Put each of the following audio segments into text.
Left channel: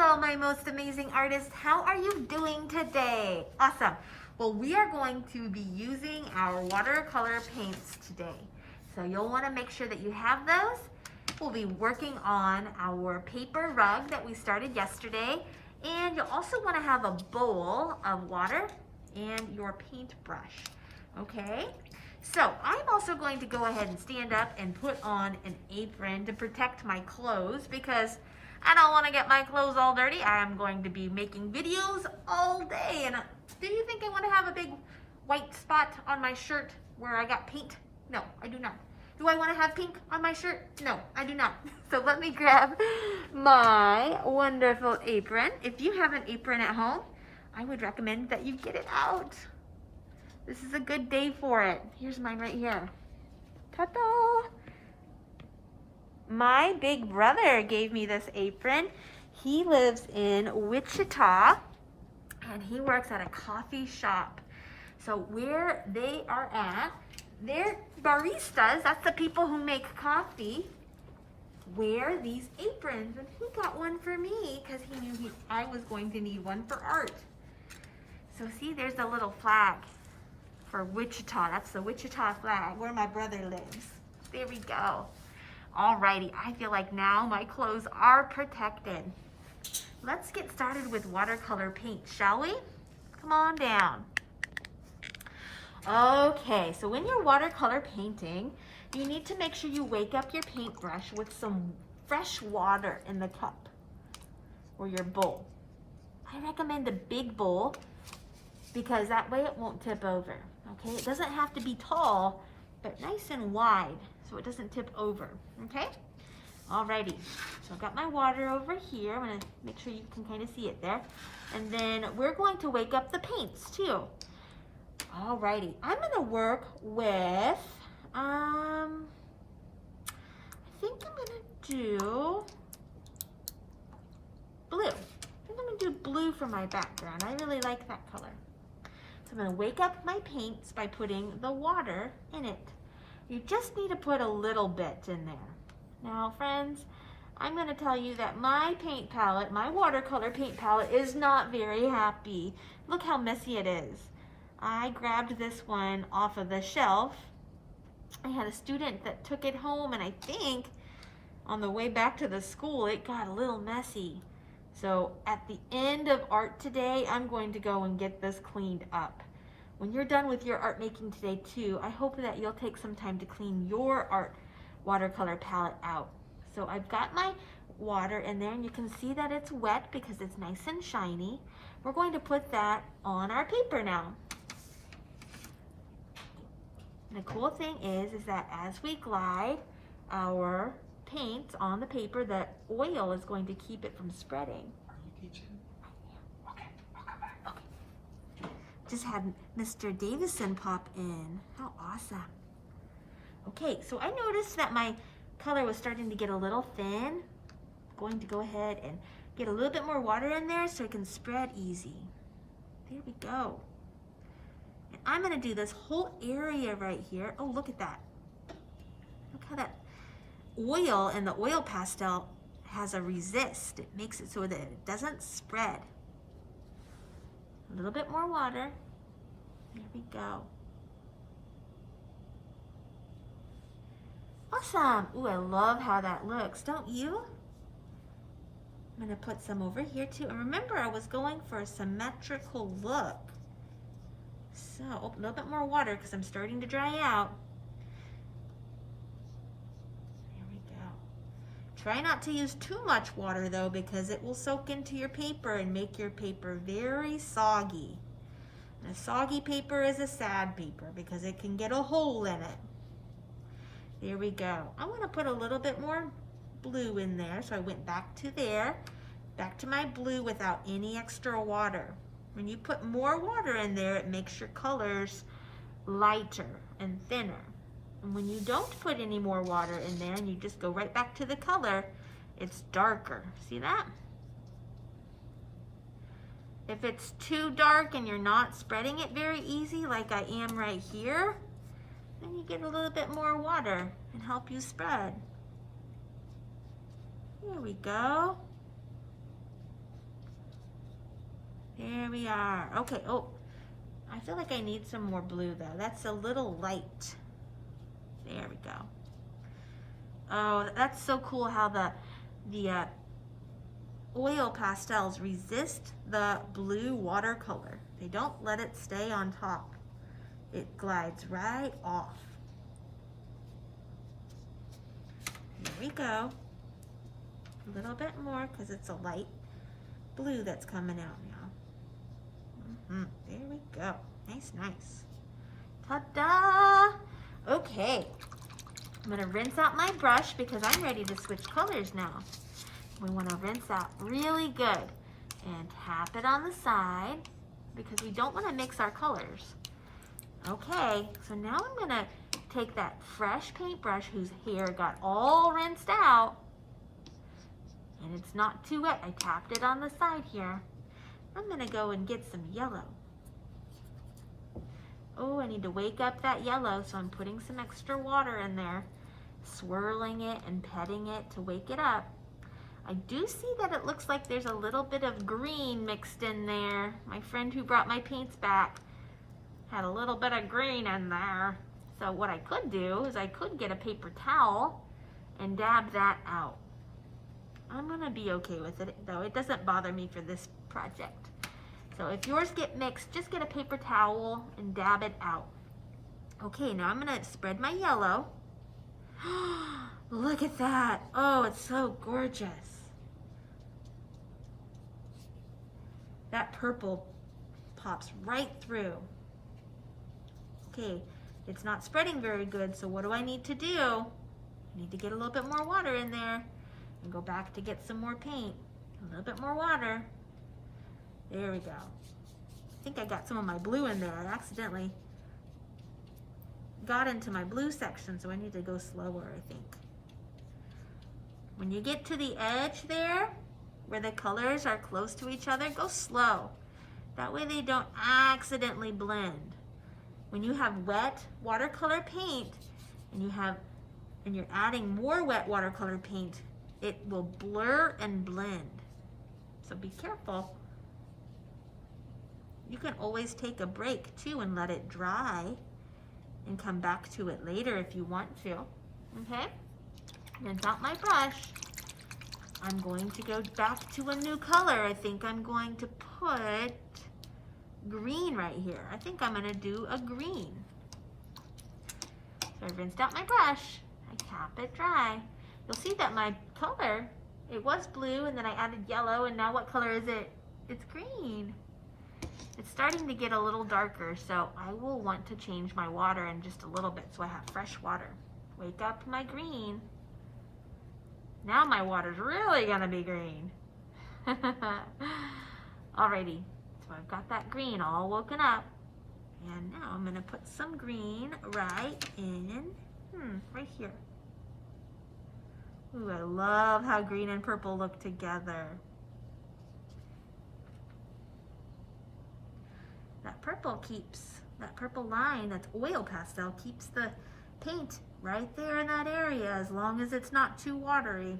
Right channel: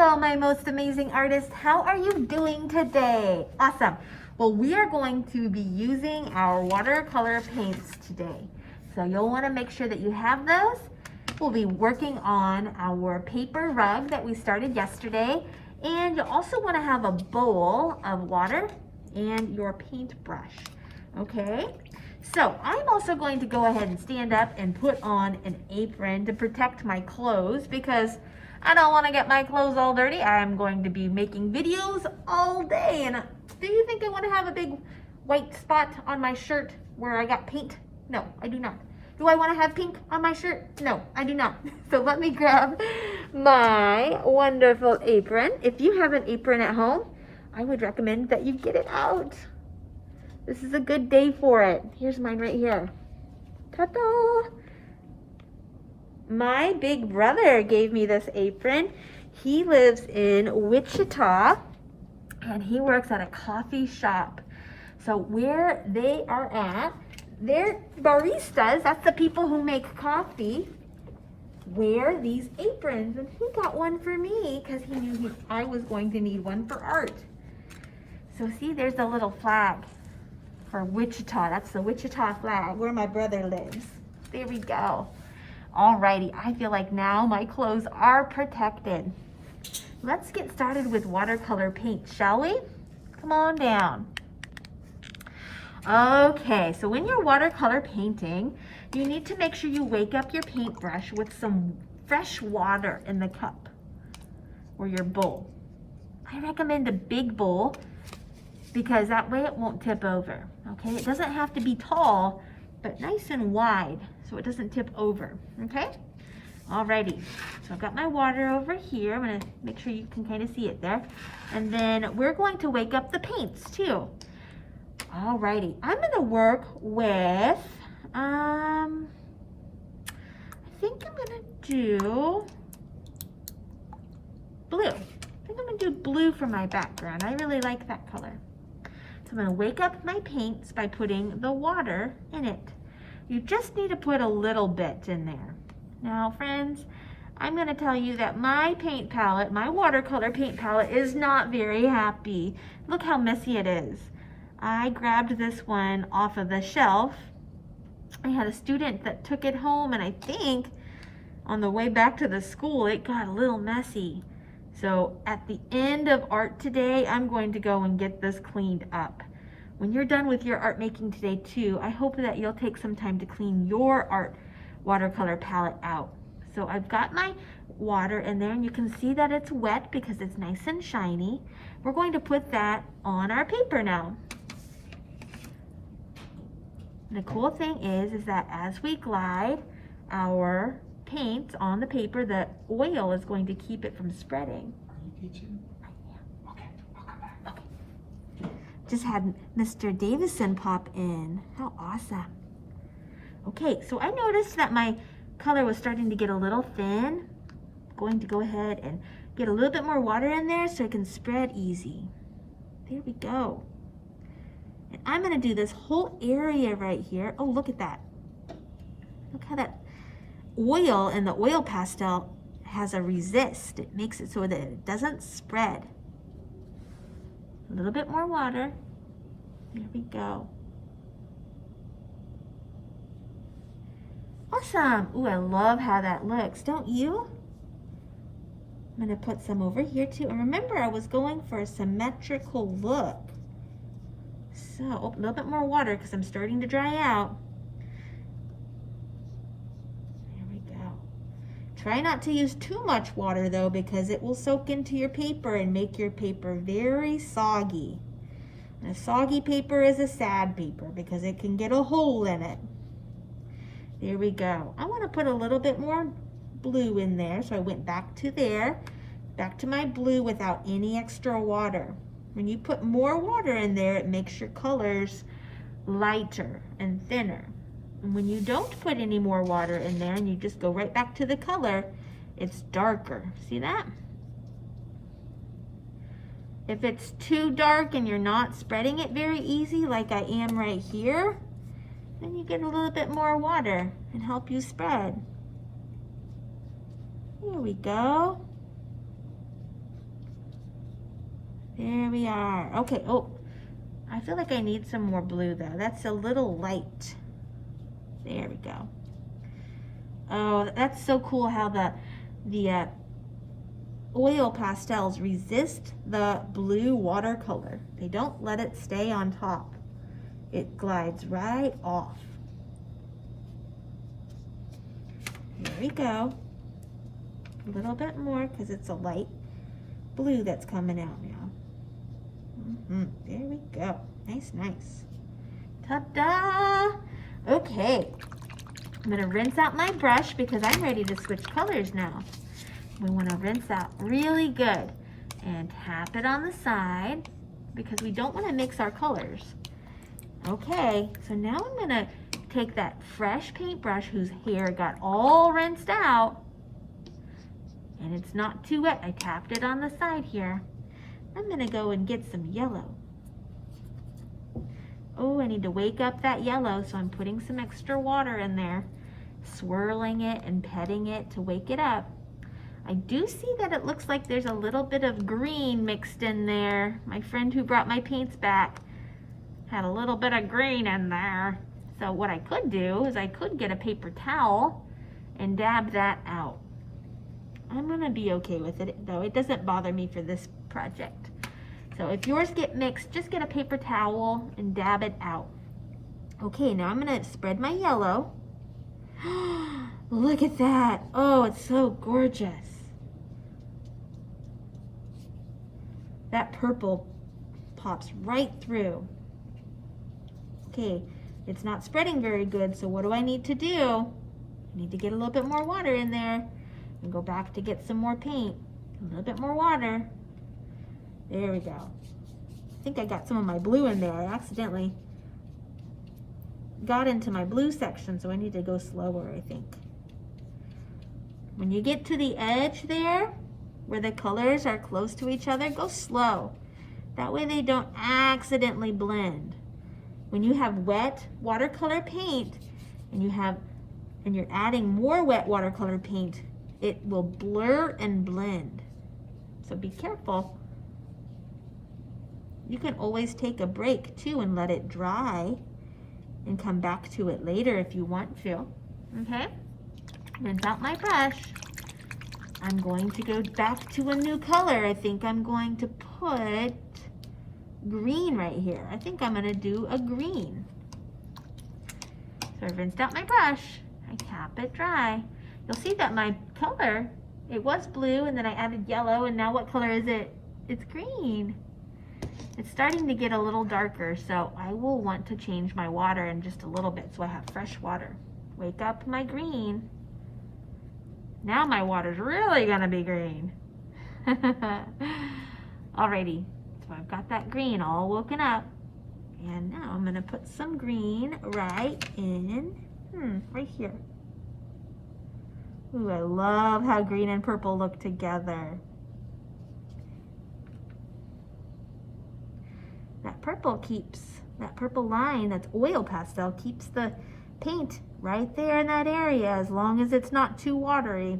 Hello, my most amazing artist. How are you doing today? Awesome. Well, we are going to be using our watercolor paints today. So you'll want to make sure that you have those. We'll be working on our paper rug that we started yesterday. And you'll also want to have a bowl of water and your paintbrush. Okay? So I'm also going to go ahead and stand up and put on an apron to protect my clothes because I don't want to get my clothes all dirty. I'm going to be making videos all day. And do you think I want to have a big white spot on my shirt where I got paint? No, I do not. Do I want to have pink on my shirt? No, I do not. So let me grab my wonderful apron. If you have an apron at home, I would recommend that you get it out. This is a good day for it. Here's mine right here. Ta-da! My big brother gave me this apron. He lives in Wichita and he works at a coffee shop. So where they are at, they're baristas, that's the people who make coffee, wear these aprons. And he got one for me because he knew I was going to need one for art. So see, there's a little flag for Wichita. That's the Wichita flag where my brother lives. There we go. Alrighty, I feel like now my clothes are protected. Let's get started with watercolor paint, shall we? Come on down. Okay, so when you're watercolor painting, you need to make sure you wake up your paintbrush with some fresh water in the cup or your bowl. I recommend a big bowl because that way it won't tip over, okay? It doesn't have to be tall, but nice and wide so it doesn't tip over, okay? Alrighty, so I've got my water over here. I'm gonna make sure you can kind of see it there. And then we're going to wake up the paints too. Alrighty, I'm gonna work with, I think I'm gonna do blue. I think I'm gonna do blue for my background. I really like that color. So I'm gonna wake up my paints by putting the water in it. You just need to put a little bit in there. Now, friends, I'm gonna tell you that my paint palette, my watercolor paint palette is not very happy. Look how messy it is. I grabbed this one off of the shelf. I had a student that took it home and I think on the way back to the school, it got a little messy. So at the end of art today, I'm going to go and get this cleaned up. When you're done with your art making today too, I hope that you'll take some time to clean your art watercolor palette out. So I've got my water in there and you can see that it's wet because it's nice and shiny. We're going to put that on our paper now. The cool thing is that as we glide our paint on the paper, the oil is going to keep it from spreading. Are you teaching? Okay, I'll come back. Okay. Just had Mr. Davison pop in. How awesome. Okay, so I noticed that my color was starting to get a little thin. I'm going to go ahead and get a little bit more water in there so it can spread easy. There we go. And I'm gonna do this whole area right here. Oh, look at that. Look how that oil in the oil pastel has a resist. It makes it so that it doesn't spread. A little bit more water. There we go. Awesome. Ooh, I love how that looks, don't you? I'm gonna put some over here too. And remember, I was going for a symmetrical look. So, a little bit more water because I'm starting to dry out. There we go. Try not to use too much water though because it will soak into your paper and make your paper very soggy. And a soggy paper is a sad paper because it can get a hole in it. There we go. I want to put a little bit more blue in there. So I went back to there, back to my blue without any extra water. When you put more water in there, it makes your colors lighter and thinner. And when you don't put any more water in there and you just go right back to the color, it's darker. See that? If it's too dark and you're not spreading it very easy like I am right here, then you get a little bit more water and help you spread. Here we go. There we are. Okay, oh, I feel like I need some more blue though. That's a little light. There we go. Oh, that's so cool how the oil pastels resist the blue watercolor. They don't let it stay on top. It glides right off. There we go. A little bit more because it's a light blue that's coming out now. There we go. Nice, nice. Ta-da! Okay. I'm gonna rinse out my brush because I'm ready to switch colors now. We wanna rinse out really good and tap it on the side because we don't wanna mix our colors. Okay, so now I'm gonna take that fresh paintbrush whose hair got all rinsed out and it's not too wet. I tapped it on the side here. I'm gonna go and get some yellow. Oh, I need to wake up that yellow, so I'm putting some extra water in there, swirling it and petting it to wake it up. I do see that it looks like there's a little bit of green mixed in there. My friend who brought my paints back had a little bit of green in there. So what I could do is I could get a paper towel and dab that out. I'm gonna be okay with it though. It doesn't bother me for this project. So if yours get mixed, just get a paper towel and dab it out. Okay, now I'm gonna spread my yellow. Look at that. Oh, it's so gorgeous. That purple pops right through. Okay, it's not spreading very good, so what do I need to do? I need to get a little bit more water in there and go back to get some more paint. A little bit more water. There we go. I think I got some of my blue in there. I accidentally got into my blue section, so I need to go slower, I think. When you get to the edge there, where the colors are close to each other, go slow. That way they don't accidentally blend. When you have wet watercolor paint and you're adding more wet watercolor paint, it will blur and blend. So be careful. You can always take a break too and let it dry and come back to it later if you want to. Okay? Rinse out my brush. I'm going to go back to a new color. I think I'm going to put green right here. I think I'm gonna do a green. So I rinsed out my brush. I tap it dry. You'll see that my color, it was blue and then I added yellow and now what color is it? It's green. It's starting to get a little darker, so I will want to change my water in just a little bit so I have fresh water. Wake up my green. Now my water's really gonna be green. Alrighty, so I've got that green all woken up. And now I'm gonna put some green right in, right here. Ooh, I love how green and purple look together. That purple line, that's oil pastel, keeps the paint right there in that area as long as it's not too watery.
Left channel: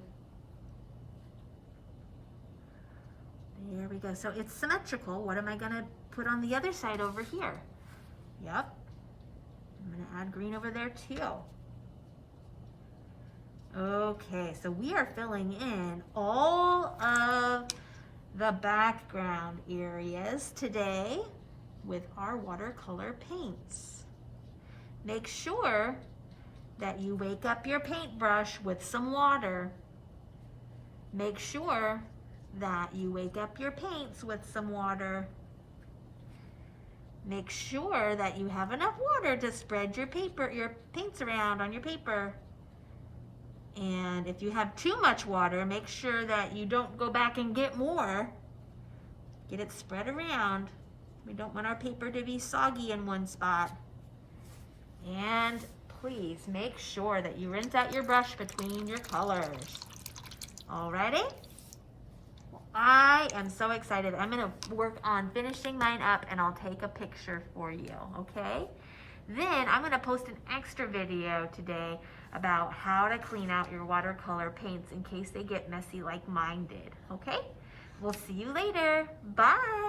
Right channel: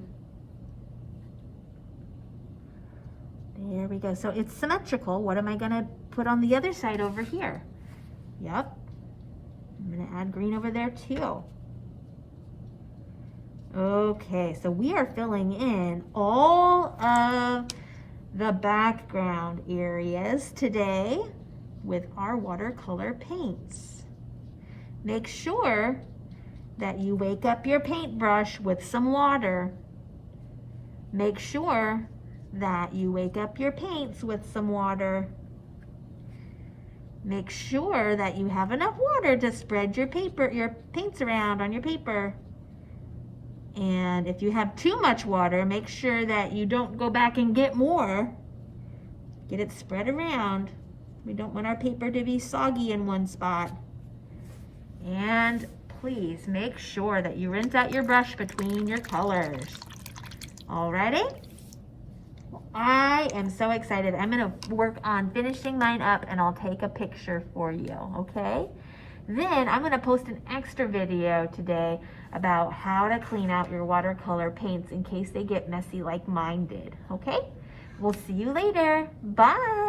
There we go. So it's symmetrical. What am I gonna put on the other side over here? Yep. I'm gonna add green over there too. Okay, so we are filling in all of the background areas today with our watercolor paints. Make sure that you wake up your paintbrush with some water. Make sure that you wake up your paints with some water. Make sure that you have enough water to spread your paints around on your paper. And if you have too much water, make sure that you don't go back and get more. Get it spread around. We don't want our paper to be soggy in one spot. And please make sure that you rinse out your brush between your colors. Alrighty? I am so excited. I'm gonna work on finishing mine up and I'll take a picture for you, okay? Then I'm gonna post an extra video today about how to clean out your watercolor paints in case they get messy like mine did, okay? We'll see you later. Bye.